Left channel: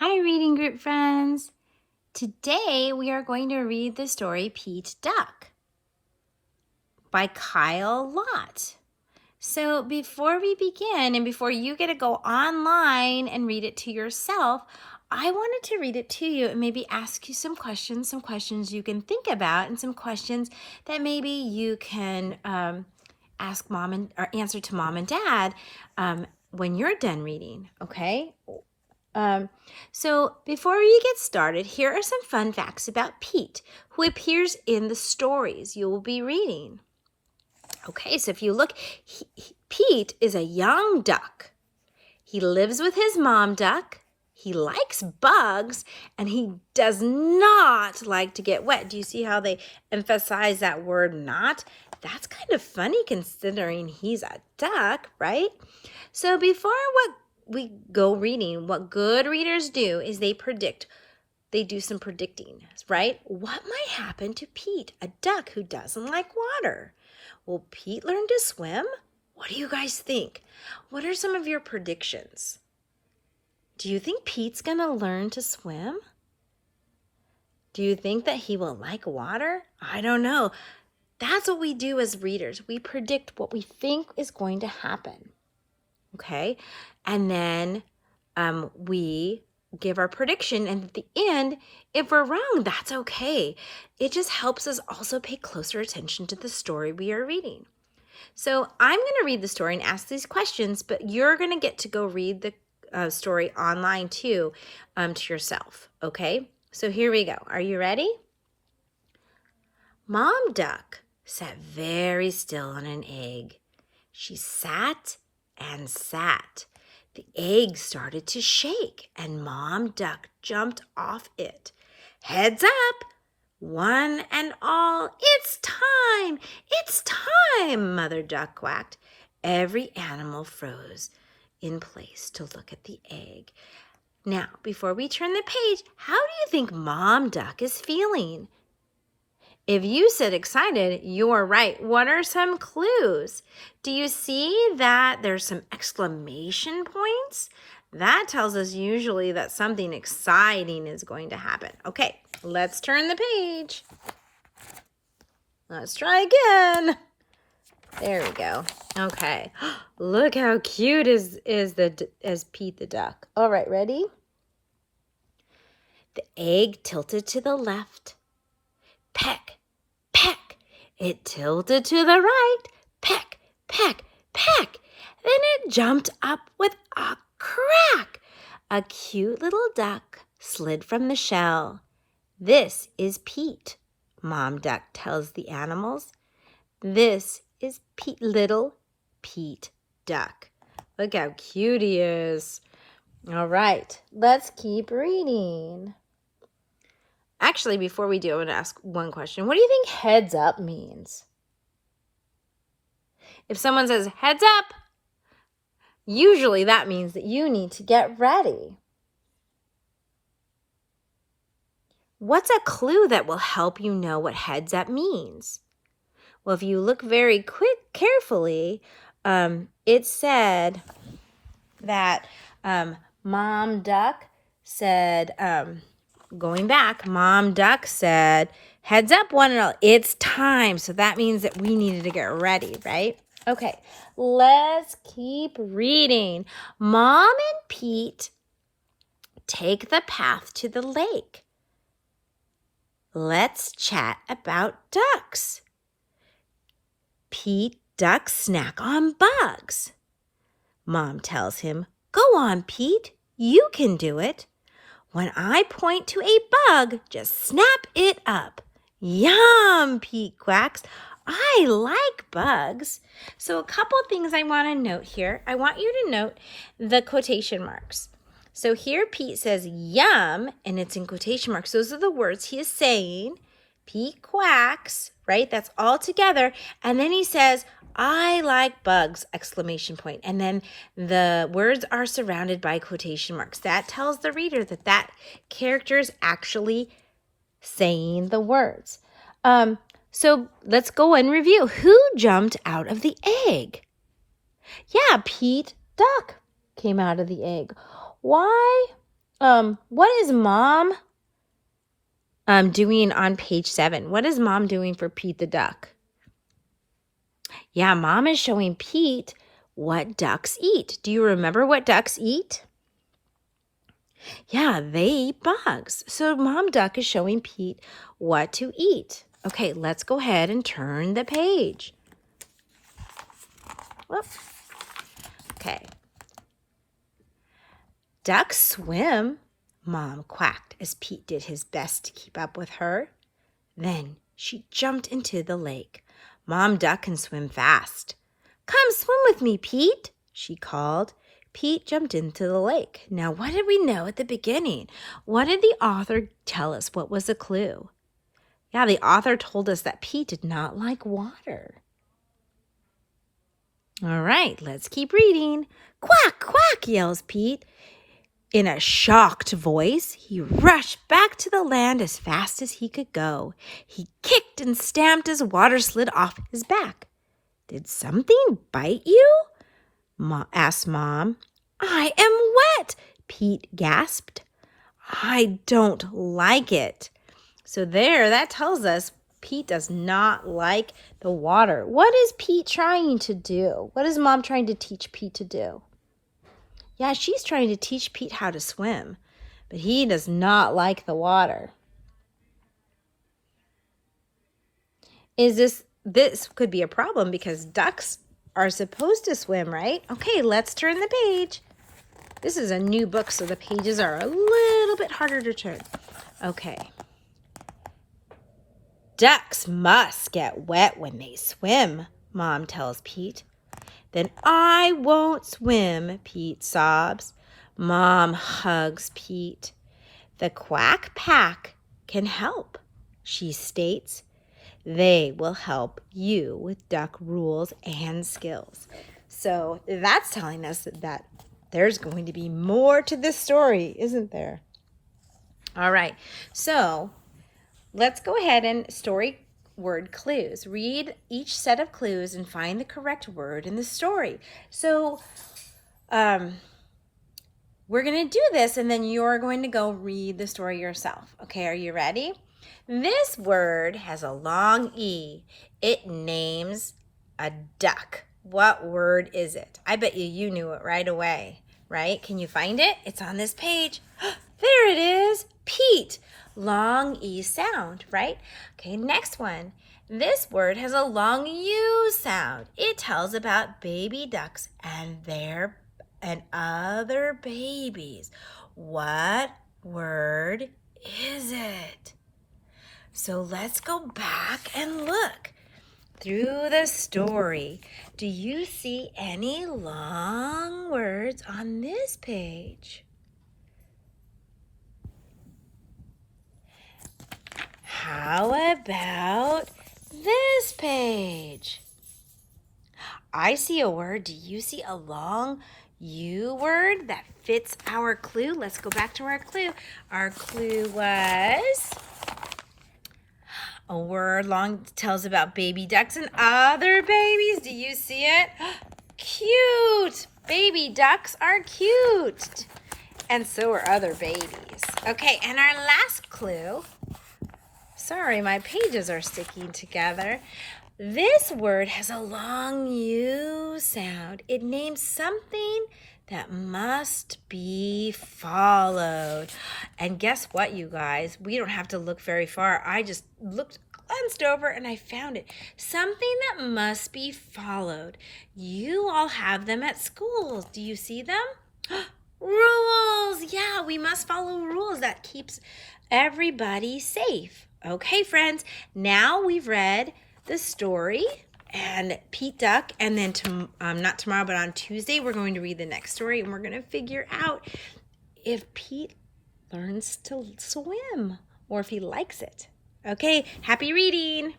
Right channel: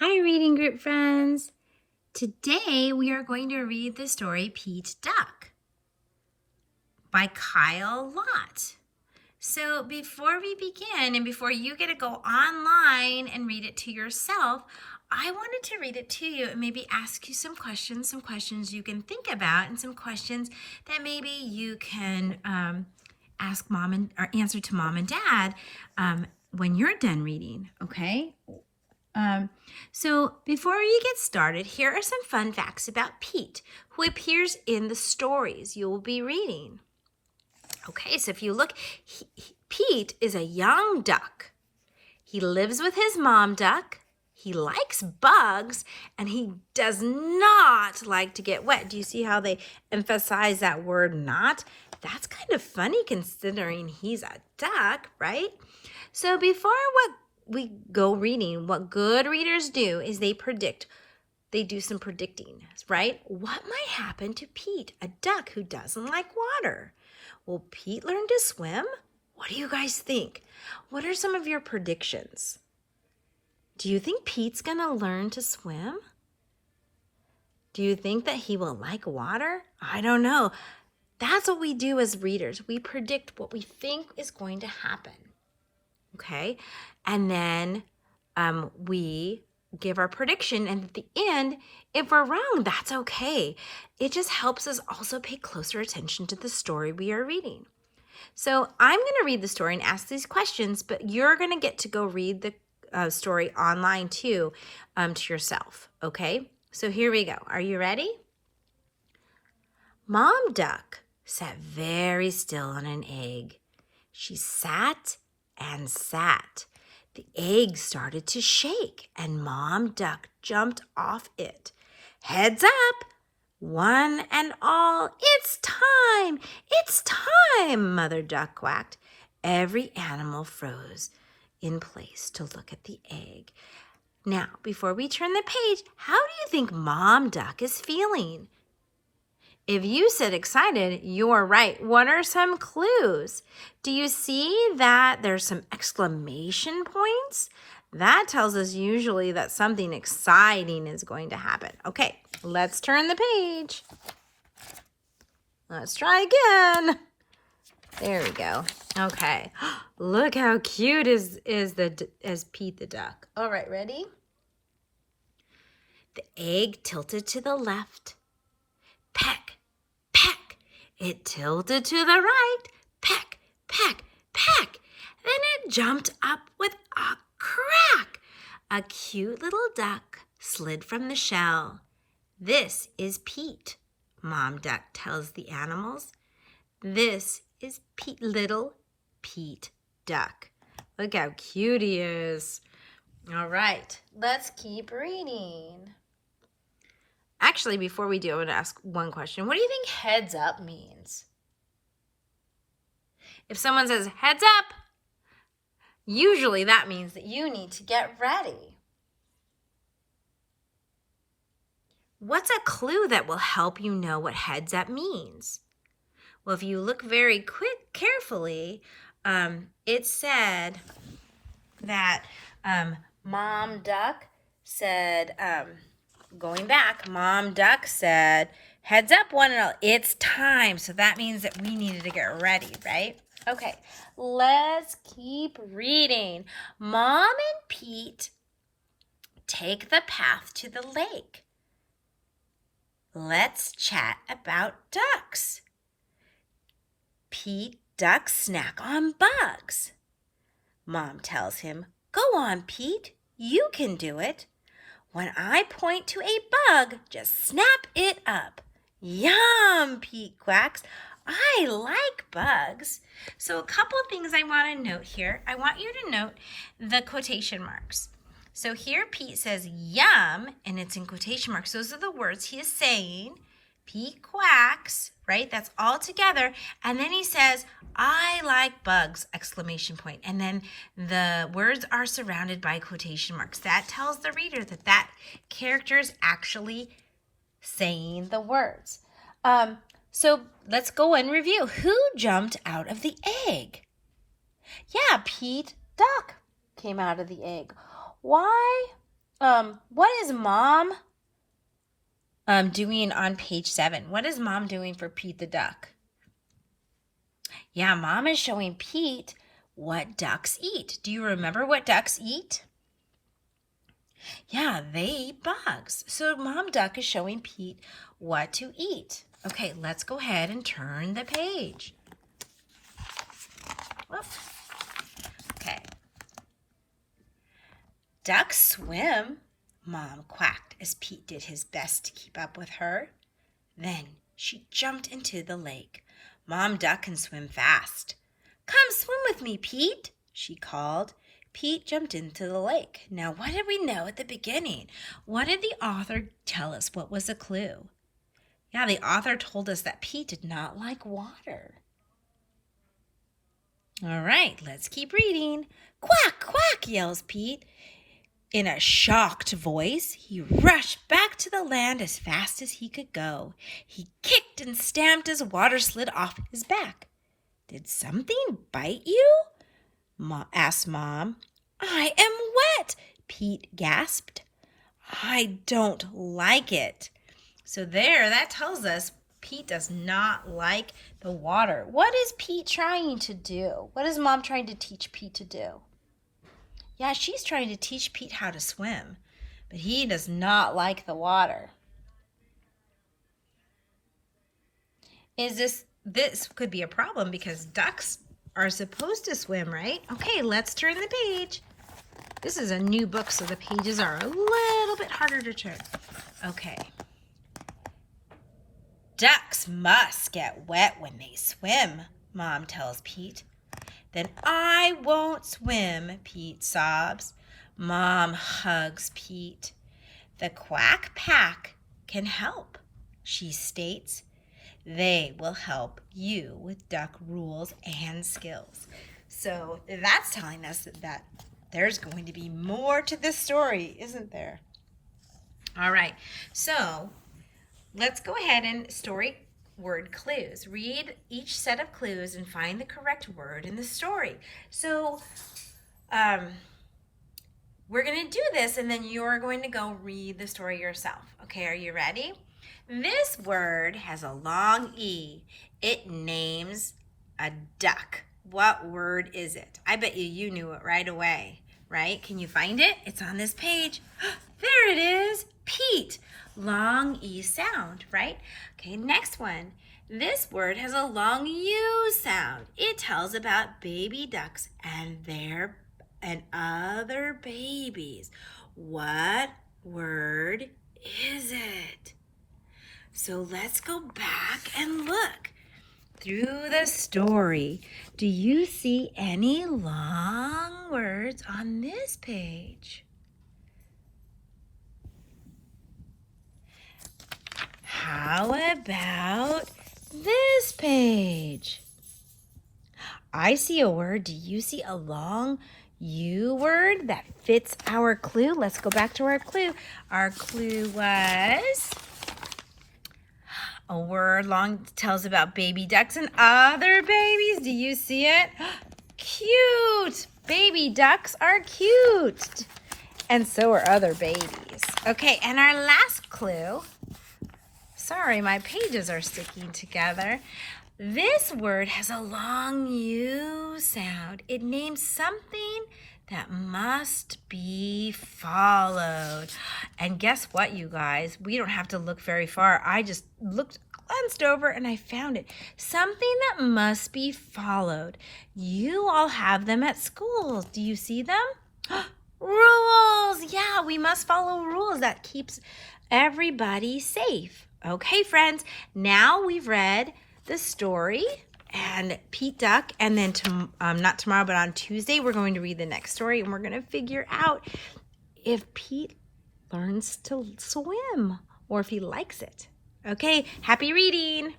Hi, reading group friends. Today we are going to read the story Pete Duck by Kyle Lott. So before we begin and before you get to go online and read it to yourself, I wanted to read it to you and maybe ask you some questions you can think about, and some questions that maybe you can ask mom or answer to mom and dad when you're done reading, okay? So before we get started, here are some fun facts about Pete, who appears in the stories you will be reading. Okay, so if you look, Pete is a young duck. He lives with his mom duck. He likes bugs, and he does not like to get wet. Do you see how they emphasize that word not? That's kind of funny considering he's a duck, right? So before we go reading, what good readers do is they do some predicting, right? What might happen to Pete, a duck who doesn't like water? Will Pete learn to swim? What do you guys think? What are some of your predictions? Do you think Pete's gonna learn to swim? Do you think that he will like water? I don't know. That's what we do as readers. We predict what we think is going to happen. Okay, and then we give our prediction, and at the end, if we're wrong, that's okay. It just helps us also pay closer attention to the story we are reading. So I'm going to read the story and ask these questions, but you're going to get to go read the story online too, to yourself, okay? So here we go. Are you ready? Mom Duck sat very still on an egg. She sat and sat. The egg started to shake, and Mom Duck jumped off it. Heads up, one and all, it's time, it's time, Mother Duck quacked. Every animal froze in place to look at the egg. Now, before we turn the page, how do you think Mom Duck is feeling? If you said excited, you're right. What are some clues? Do you see that there's some exclamation points? That tells us usually that something exciting is going to happen. Okay, let's turn the page. Let's try again. There we go. Okay, look how cute is Pete the duck. All right, ready? The egg tilted to the left. Peck, peck. It tilted to the right. Peck, peck, peck. Then it jumped up with a crack. A cute little duck slid from the shell. This is Pete, Mom Duck tells the animals. This is little Pete Duck. Look how cute he is. All right, let's keep reading. Actually, before we do, I want to ask one question. What do you think heads up means? If someone says heads up, usually that means that you need to get ready. What's a clue that will help you know what heads up means? Well, if you look very carefully, it said that Mom Duck said, going back, Mom Duck said, heads up, one and all, it's time. So that means that we needed to get ready, right? Okay, let's keep reading. Mom and Pete take the path to the lake. Let's chat about ducks. Pete Duck snack on bugs. Mom tells him, go on, Pete, you can do it. When I point to a bug, just snap it up. Yum, Pete quacks. I like bugs. So a couple things I want to note here. I want you to note the quotation marks. So here Pete says yum, and it's in quotation marks. Those are the words he is saying. Pete quacks, right? That's all together. And then he says, I like bugs, exclamation point. And then the words are surrounded by quotation marks. That tells the reader that that character is actually saying the words. So let's go and review. Who jumped out of the egg? Yeah, Pete Duck came out of the egg. Why what is Mom doing on page 7? What is Mom doing for Pete the duck? Yeah, Mom is showing Pete what ducks eat. Do you remember what ducks eat? Yeah, they eat bugs. So Mom Duck is showing Pete what to eat. Okay, let's go ahead and turn the page. Whoop. Okay. Ducks swim, Mom quacked as Pete did his best to keep up with her. Then she jumped into the lake. Mom Duck can swim fast. Come swim with me, Pete, she called. Pete jumped into the lake. Now, what did we know at the beginning? What did the author tell us? What was the clue? Yeah, the author told us that Pete did not like water. All right, let's keep reading. Quack, quack, yells Pete. In a shocked voice, he rushed back to the land as fast as he could go. He kicked and stamped as water slid off his back. Did something bite you? Asked Mom. I am wet, Pete gasped. I don't like it. So there, that tells us Pete does not like the water. What is Pete trying to do? What is Mom trying to teach Pete to do? Yeah, she's trying to teach Pete how to swim, but he does not like the water. This could be a problem because ducks are supposed to swim, right? Okay, let's turn the page. This is a new book, so the pages are a little bit harder to turn. Okay. Ducks must get wet when they swim, Mom tells Pete. Then I won't swim, Pete sobs. Mom hugs Pete. The Quack Pack can help, she states. They will help you with duck rules and skills. So that's telling us that there's going to be more to this story, isn't there? All right, so let's go ahead and story word clues. Read each set of clues and find the correct word in the story. So we're going to do this and then you're going to go read the story yourself. Okay, are you ready? This word has a long E. It names a duck. What word is it? I bet you knew it right away, right? Can you find it? It's on this page. There it is, Pete. Long E sound, right? Okay, next one. This word has a long U sound. It tells about baby ducks and other babies. What word is it? So let's go back and look through the story. Do you see any long words on this page? How about this page? I see a word. Do you see a long U word that fits our clue? Let's go back to our clue. Our clue was a word long tells about baby ducks and other babies. Do you see it? Cute. Baby ducks are cute. And so are other babies. Okay, and our last clue. Sorry, my pages are sticking together. This word has a long U sound. It names something that must be followed. And guess what, you guys? We don't have to look very far. I just glanced over and I found it. Something that must be followed. You all have them at school. Do you see them? Rules. Yeah, we must follow rules. That keeps everybody safe. Okay, friends, now we've read the story and Pete Duck, and then not tomorrow, but on Tuesday, we're going to read the next story, and we're going to figure out if Pete learns to swim or if he likes it. Okay, happy reading.